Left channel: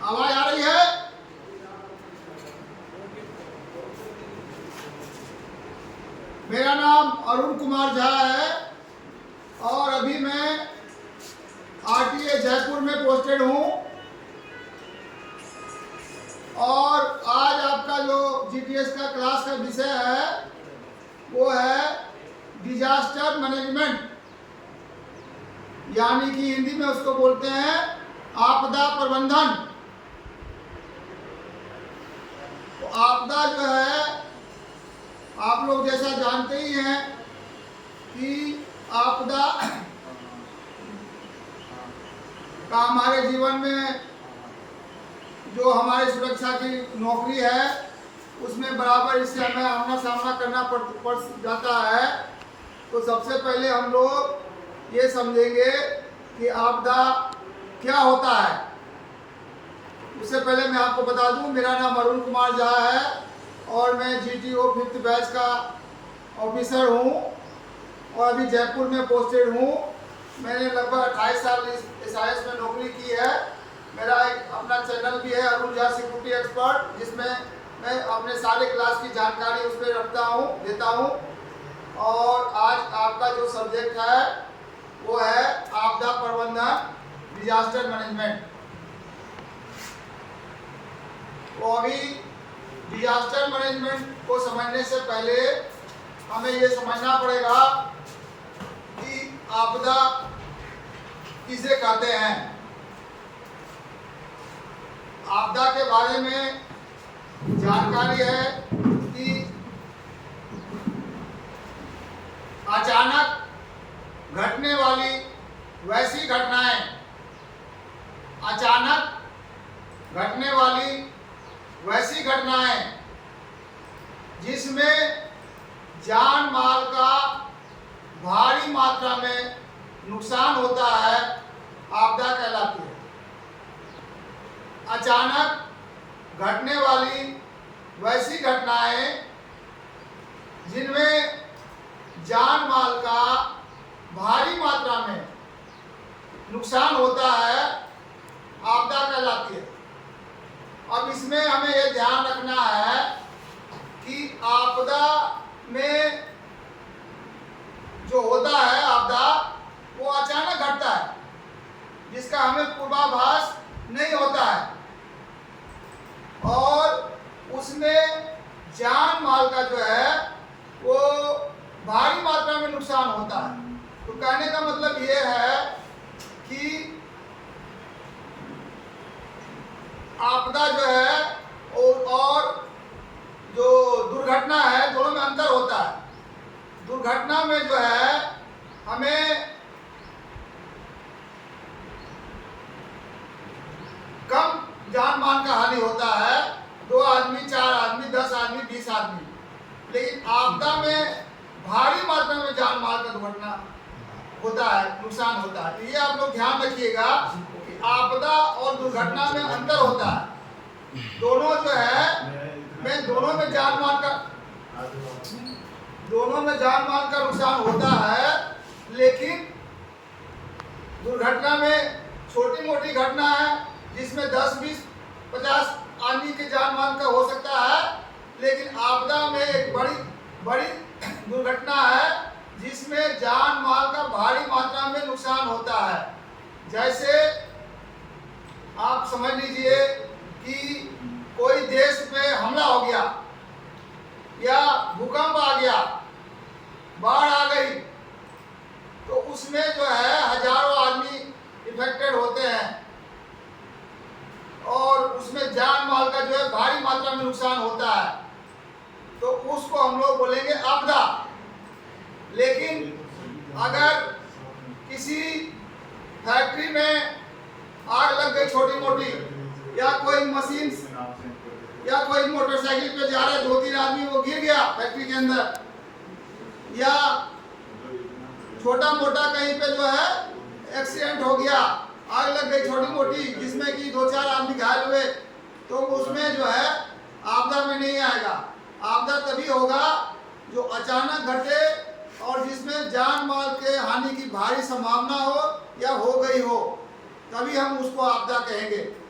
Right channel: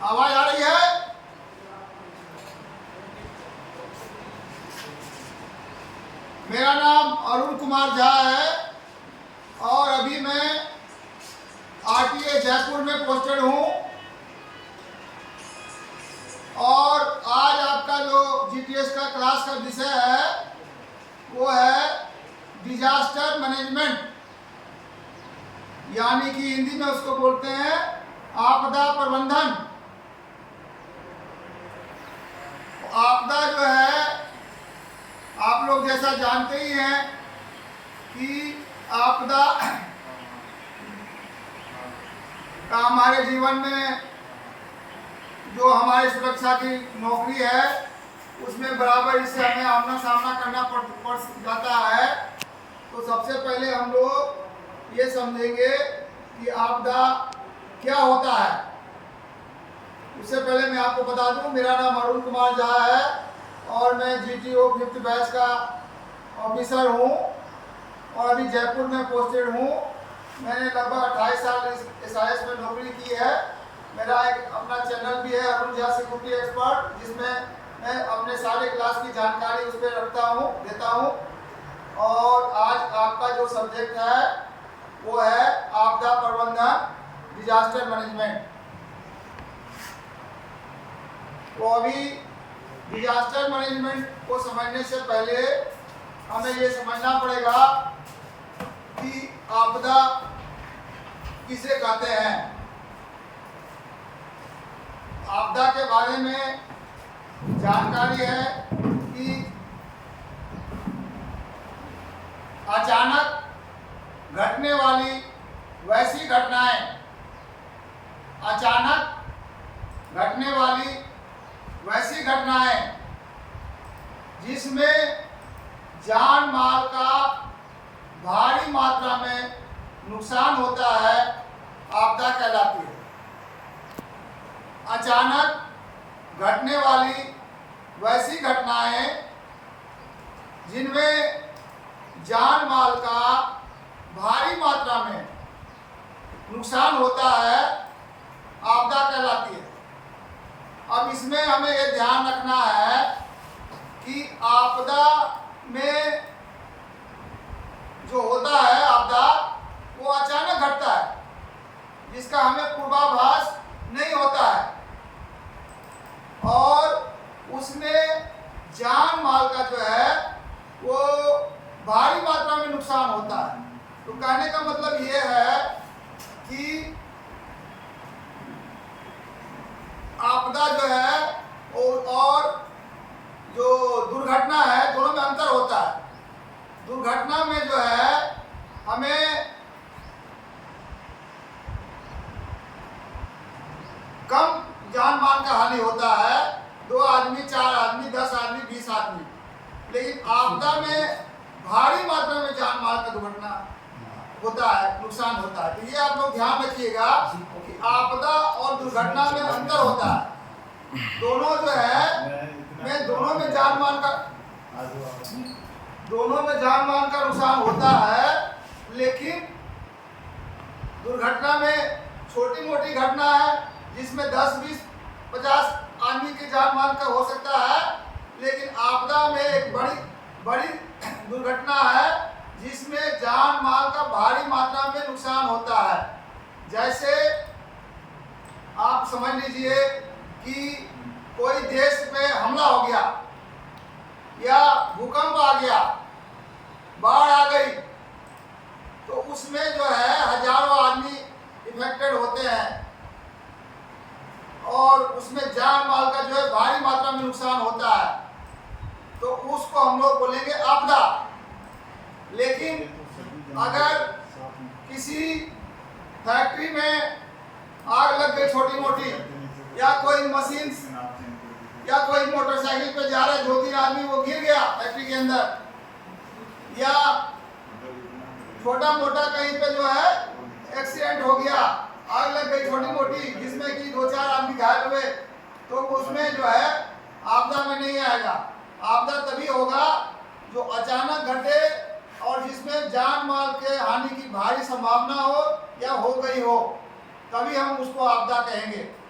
आवाज आ रही है? मेरा नाम अरुण कुमार झा है और अभी मैं आरटीए जयपुर में पोस्टेड हूँ। और आज आपका जो जीटीएस का क्लास का विषय है वो है डिजास्टर मैनेजमेंट, यानी कि हिंदी में उसको बोलते हैं आपदा प्रबंधन। तो आपदा जो है आप लोग जैसा जानते ही हैं कि आपदा का हमारे जीवन में जो हमारी सुरक्षा की नौकरी है उसमें बराबर इससे हमें आमना सामना करना पड़ जाता है। तो सबसे पहले हम लोग ये समझेंगे कि आपदा क्या होता है। उससे पहले मैं आपको बता दूं, मेरा नाम अरुण कुमार झा है और मैं जीटीओ 5th बैच का ऑफिसर हूँ और अभी जयपुर में पोस्टेड हूँ। मैंने लगभग 28 साल SIS में नौकरी की है। मेरा एक अपना चैनल भी है अरुण झा सिक्योरिटी एक्सपर्ट, जिसमें मैं अपने सारे क्लास की जानकारी उस पर रखता हूँ, देता हूँ। और आज आपका जो सब्जेक्ट है वो है आपदा प्रबंधन, डिजास्टर मैनेजमेंट। तो अभी डिजास्टर मैनेजमेंट को समझने से पहले हमें ये समझना पड़ेगा कि आपदा किसे कहते हैं। आपदा के बारे में जानकारी है कि अचानक घटने वाली वैसी घटनाएं, अचानक घटने वाली वैसी घटनाएं जिसमें जान माल का भारी मात्रा में नुकसान होता है, आपदा कहलाती है। अचानक घटने वाली वैसी घटनाएं जिनमें जान माल का भारी मात्रा में नुकसान होता है, आपदा कहलाती है। अब इसमें हमें यह ध्यान रखना है कि आपदा में जो होता है आपदा वो अचानक घटता है, जिसका हमें पूर्वाभास नहीं होता है और उसमें जान माल का जो है वो भारी मात्रा में नुकसान होता है। तो कहने का मतलब ये है कि आपदा जो है और जो दुर्घटना है दोनों में अंतर होता है। दुर्घटना में जो है हमें कम जान मान का हानि होता है, 2 आदमी, 4 आदमी, 10 आदमी, 20 आदमी। लेकिन आपदा में भारी मात्रा में जान माल का दुर्घटना होता है, नुकसान होता है। तो ये आप लोग ध्यान रखिएगा कि आपदा और दुर्घटना में अंतर होता है। दोनों जो है दोनों में जान माल का नुकसान होता है, लेकिन दुर्घटना में छोटी मोटी घटना है जिसमें 10, 20, 50 आदमी की जान मान का हो सकता है। लेकिन आपदा में एक बड़ी दुर्घटना है जिसमें जान माल का भारी मात्रा में नुकसान होता है। जैसे आप समझ लीजिए कि कोई देश में हमला हो गया या भूकंप आ गया, बाढ़ आ गई, तो उसमें जो है हजारों आदमी इफेक्टेड होते हैं और उसमें जान माल का जो है भारी मात्रा में नुकसान होता है। तो उसको हम लोग बोलेंगे आपदा। लेकिन अगर किसी फैक्ट्री में आग लग गई छोटी मोटी, या कोई मशीन या कोई मोटरसाइकिल पे जा रहे 2-3 आदमी वो गिर गया फैक्ट्री के अंदर, या छोटा मोटा कहीं पे जो है एक्सीडेंट हो गया, आग लग गई छोटी मोटी जिसमें कि 2-4 आदमी घायल हुए, तो उसमें जो है आपदा में नहीं आएगा। आपदा तभी होगा जो अचानक घटे और जिसमें जान माल के हानि की भारी संभावना हो या हो गई हो, तभी हम उसको आपदा कहेंगे।